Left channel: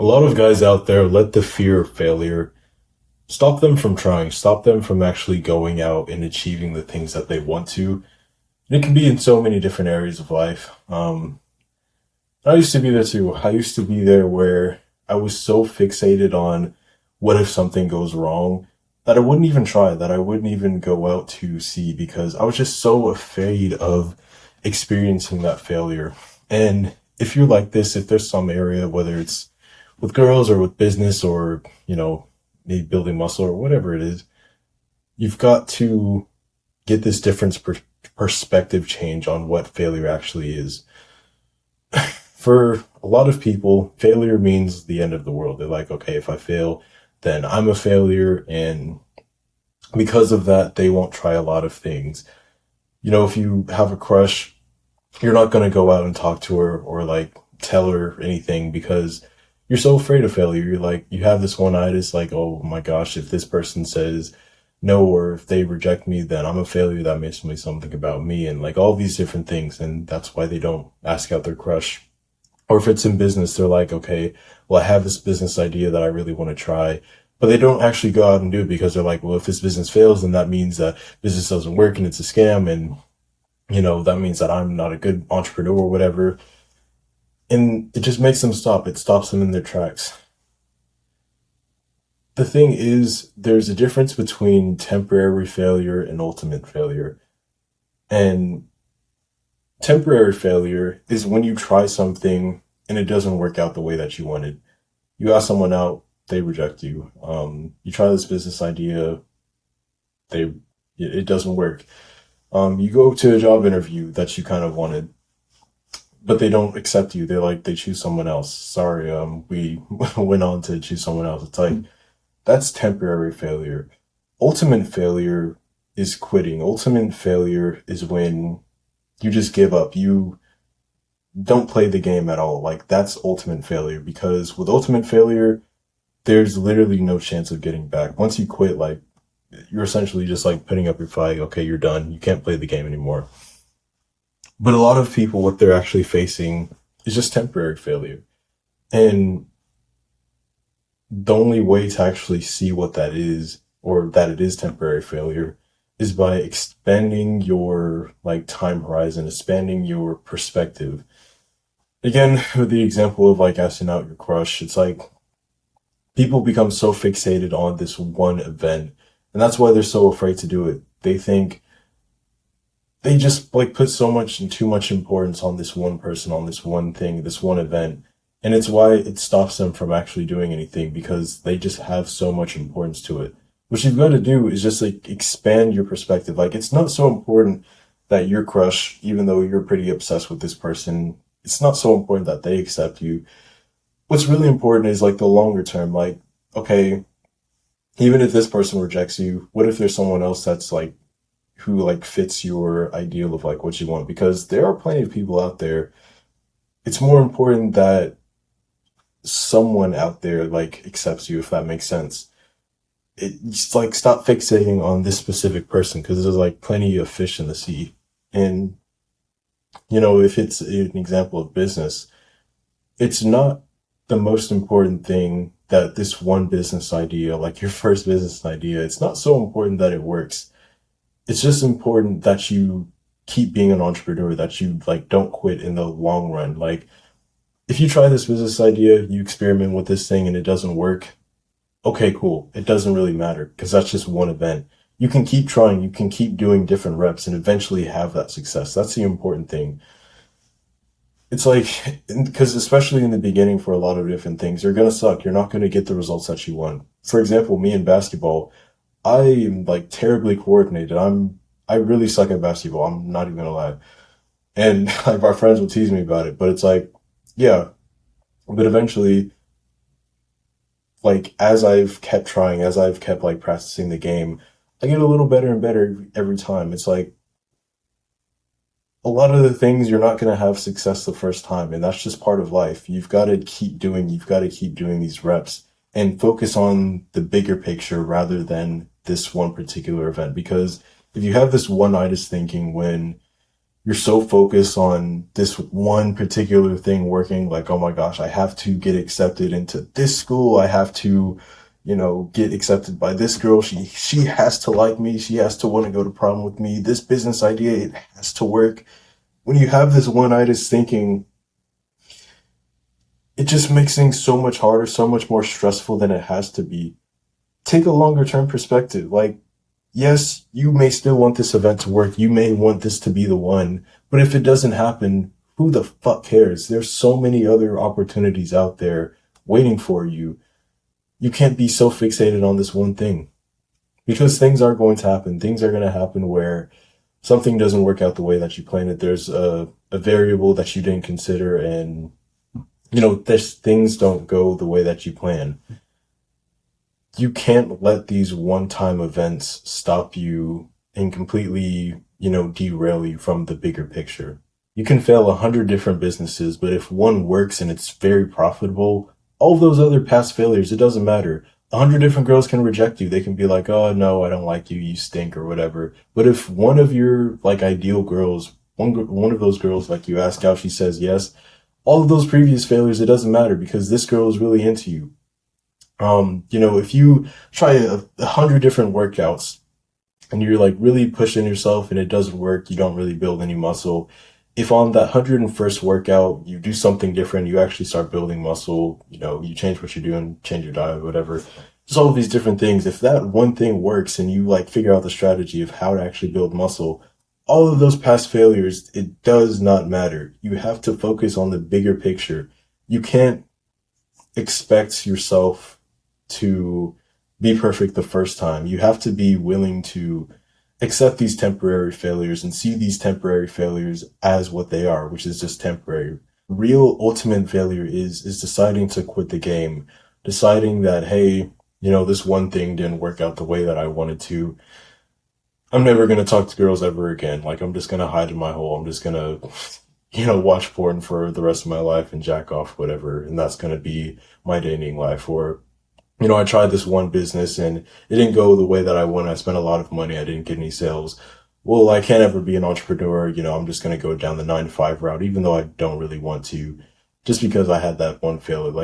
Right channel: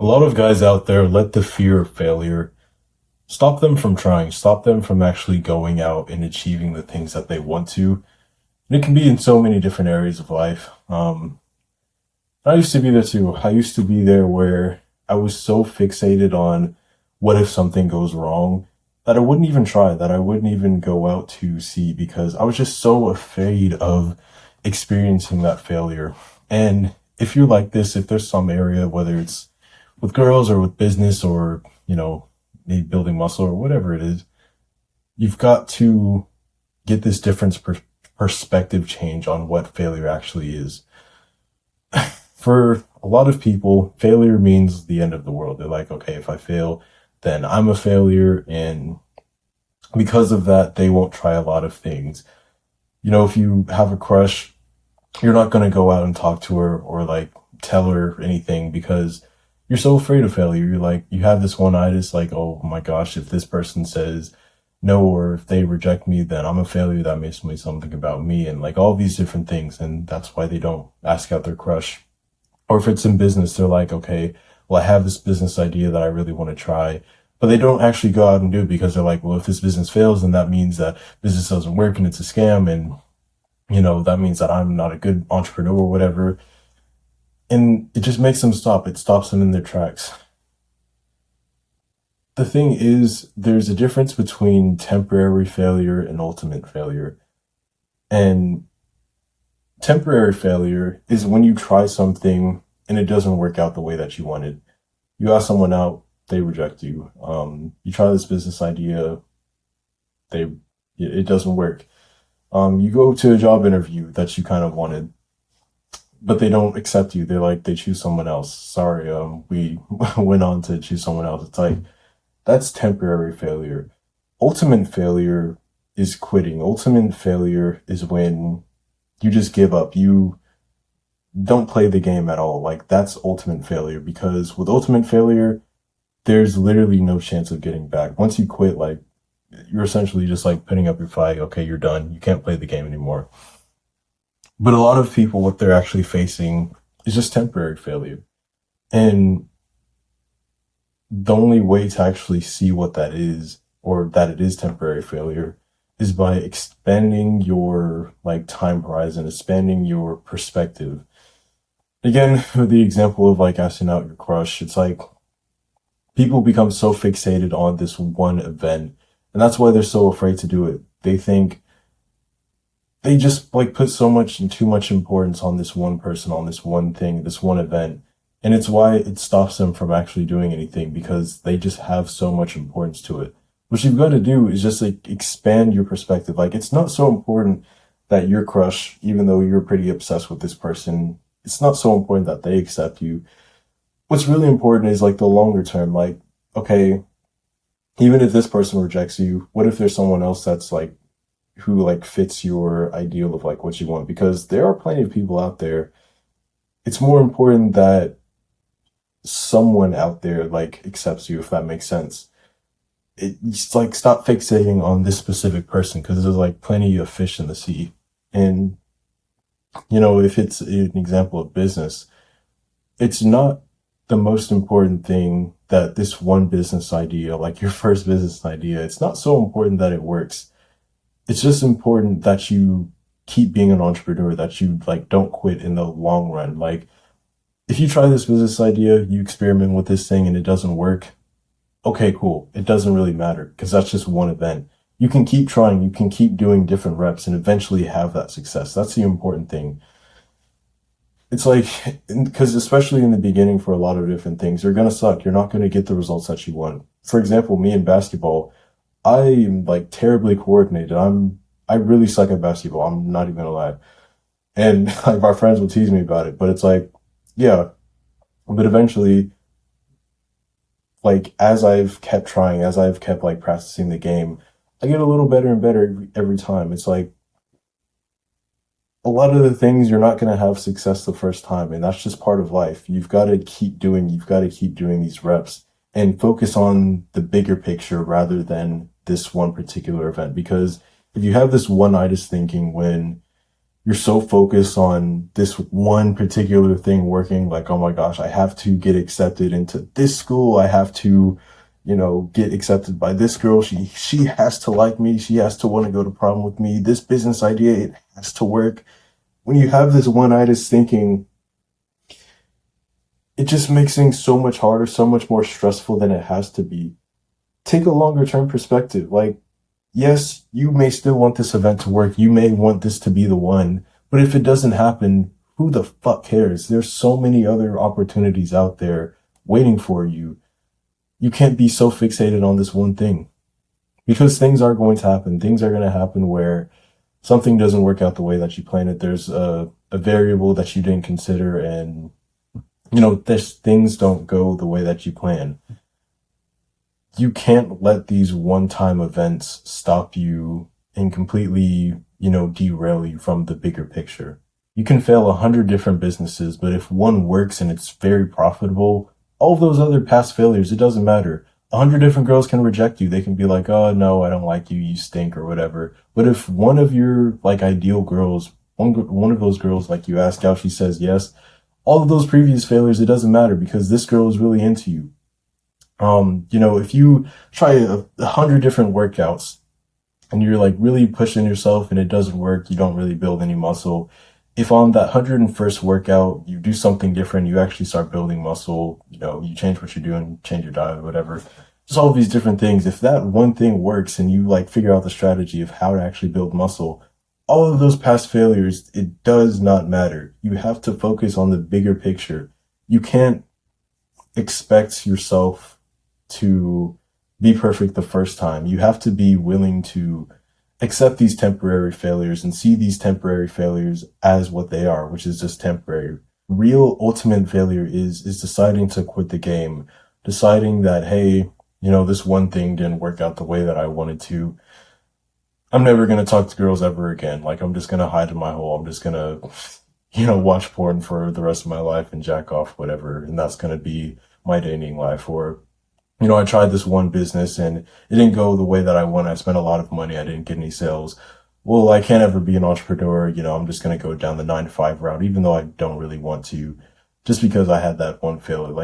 A lot of guys out there let the fear of failure stop them from trying, stop them from actually going out and achieving the things that they want to. And it can be in so many different areas of life. I used to be there too. I used to be there where I was so fixated on what if something goes wrong that I wouldn't even try, that I wouldn't even go out to see because I was just so afraid of experiencing that failure. And if you're like this, if there's some area, whether it's with girls or with business or, maybe building muscle or whatever it is, you've got to get this different perspective change on what failure actually is. For a lot of people, failure means the end of the world. They're like, okay, if I fail, then I'm a failure. And because of that, they won't try a lot of things. If you have a crush, you're not going to go out and talk to her or like tell her anything because you're so afraid of failure. You're like, you have this one eye that's like, oh my gosh, if this person says no, or if they reject me, then I'm a failure. That makes me something about me and like all these different things. And that's why they don't ask out their crush. Or if it's in business, they're like, okay, well, I have this business idea that I really want to try, but they don't actually go out and do it because they're like, well, if this business fails, then that means that business doesn't work and it's a scam. And, that means that I'm not a good entrepreneur or whatever. And it just makes them stop. It stops them in their tracks. The thing is, there's a difference between temporary failure and ultimate failure. And temporary failure is when you try something and it doesn't work out the way that you wanted. You ask someone out, they reject you. You try this business idea, it doesn't work. You go to a job interview that you kind of wanted, but they don't accept you. They choose someone else. Sorry, we went on to choose someone else. It's like, that's temporary failure. Ultimate failure is quitting. Ultimate failure is when you just give up. You don't play the game at all. Like, that's ultimate failure, because with ultimate failure, there's literally no chance of getting back. Once you quit, like, you're essentially just like putting up your flag. Okay, you're done. You can't play the game anymore. But a lot of people, what they're actually facing is just temporary failure. And the only way to actually see what that is, or that it is temporary failure, is by expanding your like time horizon, expanding your perspective. Again, with the example of like asking out your crush, it's like people become so fixated on this one event, and that's why they're so afraid to do it. They think they just like put so much and too much importance on this one person, on this one thing, this one event. And it's why it stops them from actually doing anything, because they just have so much importance to it. What you've got to do is just like expand your perspective. Like, it's not so important that your crush, even though you're pretty obsessed with this person, it's not so important that they accept you. What's really important is like the longer term. Like, okay, even if this person rejects you, what if there's someone else that's like, who like fits your ideal of like what you want? Because there are plenty of people out there. It's more important that someone out there like accepts you, if that makes sense. It's like, stop fixating on this specific person, because there's like plenty of fish in the sea. And if it's an example of business, it's not the most important thing that this one business idea, like your first business idea, it's not so important that it works. It's just important that you keep being an entrepreneur, that you like don't quit in the long run. Like, if you try this business idea, you experiment with this thing and it doesn't work, okay, cool. It doesn't really matter, because that's just one event. You can keep trying, you can keep doing different reps and eventually have that success. That's the important thing. It's like, because especially in the beginning for a lot of different things, they're going to suck. You're not going to get the results that you want. For example, me in basketball, I am like terribly coordinated. I really suck at basketball. I'm not even gonna lie. And like my friends will tease me about it, but it's like, yeah. But eventually, like as I've kept trying, as I've kept like practicing the game, I get a little better and better every time. It's like a lot of the things you're not gonna have success the first time, and that's just part of life. You've got to keep doing these reps and focus on the bigger picture rather than this one particular event. Because if you have this one-itis thinking when you're so focused on this one particular thing working, like, oh my gosh, I have to get accepted into this school. I have to, get accepted by this girl. She has to like me. She has to want to go to prom with me. This business idea, it has to work. When you have this one-itis thinking, it just makes things so much harder, so much more stressful than it has to be. Take a longer term perspective. Like, yes, you may still want this event to work. You may want this to be the one, but if it doesn't happen, who the fuck cares? There's so many other opportunities out there waiting for you. You can't be so fixated on this one thing, because things are going to happen. Things are going to happen where something doesn't work out the way that you planned it. There's a variable that you didn't consider, and things don't go the way that you plan. You can't let these one-time events stop you and completely, derail you from the bigger picture. You can fail 100 different businesses, but if one works and it's very profitable, all of those other past failures, it doesn't matter. 100 different girls can reject you. They can be like, oh no, I don't like you, you stink, or whatever. But if one of your ideal girls, one of those girls, like, you ask out, she says yes, all of those previous failures, it doesn't matter, because this girl is really into you. If you try 100 different workouts and you're really pushing yourself and it doesn't work, you don't really build any muscle. If on that 101st workout, you do something different, you actually start building muscle, you change what you're doing, change your diet, whatever, just all of these different things. If that one thing works and you figure out the strategy of how to actually build muscle, all of those past failures, it does not matter. You have to focus on the bigger picture. You can't expect yourself to be perfect the first time. You have to be willing to accept these temporary failures and see these temporary failures as what they are, which is just temporary. Real ultimate failure is deciding to quit the game, deciding that, hey, this one thing didn't work out the way that I wanted to. I'm never going to talk to girls ever again. I'm just going to hide in my hole. I'm just going to, watch porn for the rest of my life and jack off, whatever. And that's going to be my dating life. Or, I tried this one business and it didn't go the way that I wanted. I spent a lot of money. I didn't get any sales. Well, I can't ever be an entrepreneur. I'm just going to go down the 9-to-5 route, even though I don't really want to, just because I had that one failure.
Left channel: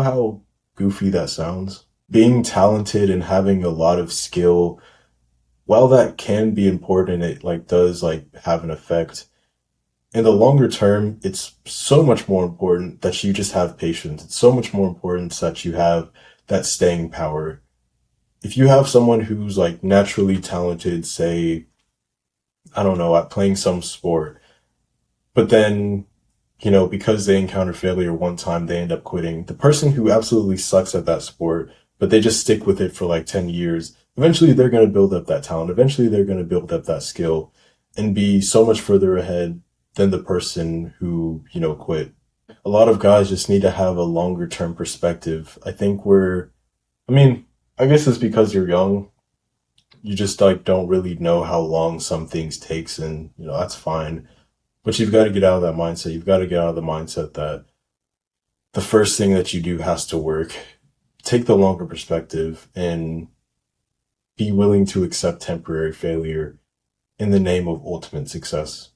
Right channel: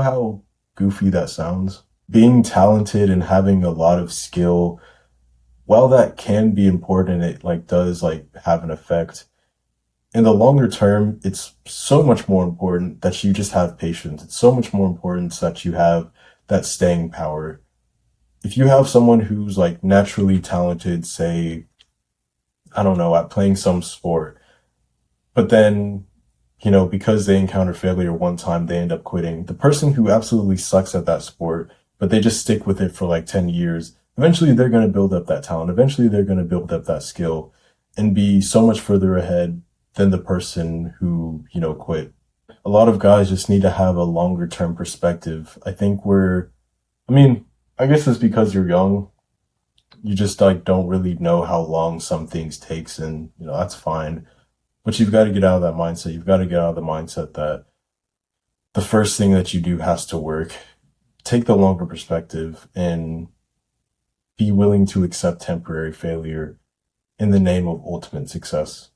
How goofy that sounds? Being talented and having a lot of skill, while that can be important, it does have an effect. In the longer term, it's so much more important that you just have patience. It's so much more important that you have that staying power. If you have someone who's naturally talented, say, I don't know, at playing some sport, but then, because they encounter failure one time, they end up quitting. The person who absolutely sucks at that sport, but they just stick with it for 10 years, eventually they're going to build up that talent. Eventually they're going to build up that skill and be so much further ahead than the person who, quit. A lot of guys just need to have a longer term perspective. I think I guess it's because you're young. You just don't really know how long some things takes, and that's fine. But you've got to get out of that mindset. You've got to get out of the mindset that the first thing that you do has to work. Take the longer perspective and be willing to accept temporary failure in the name of ultimate success.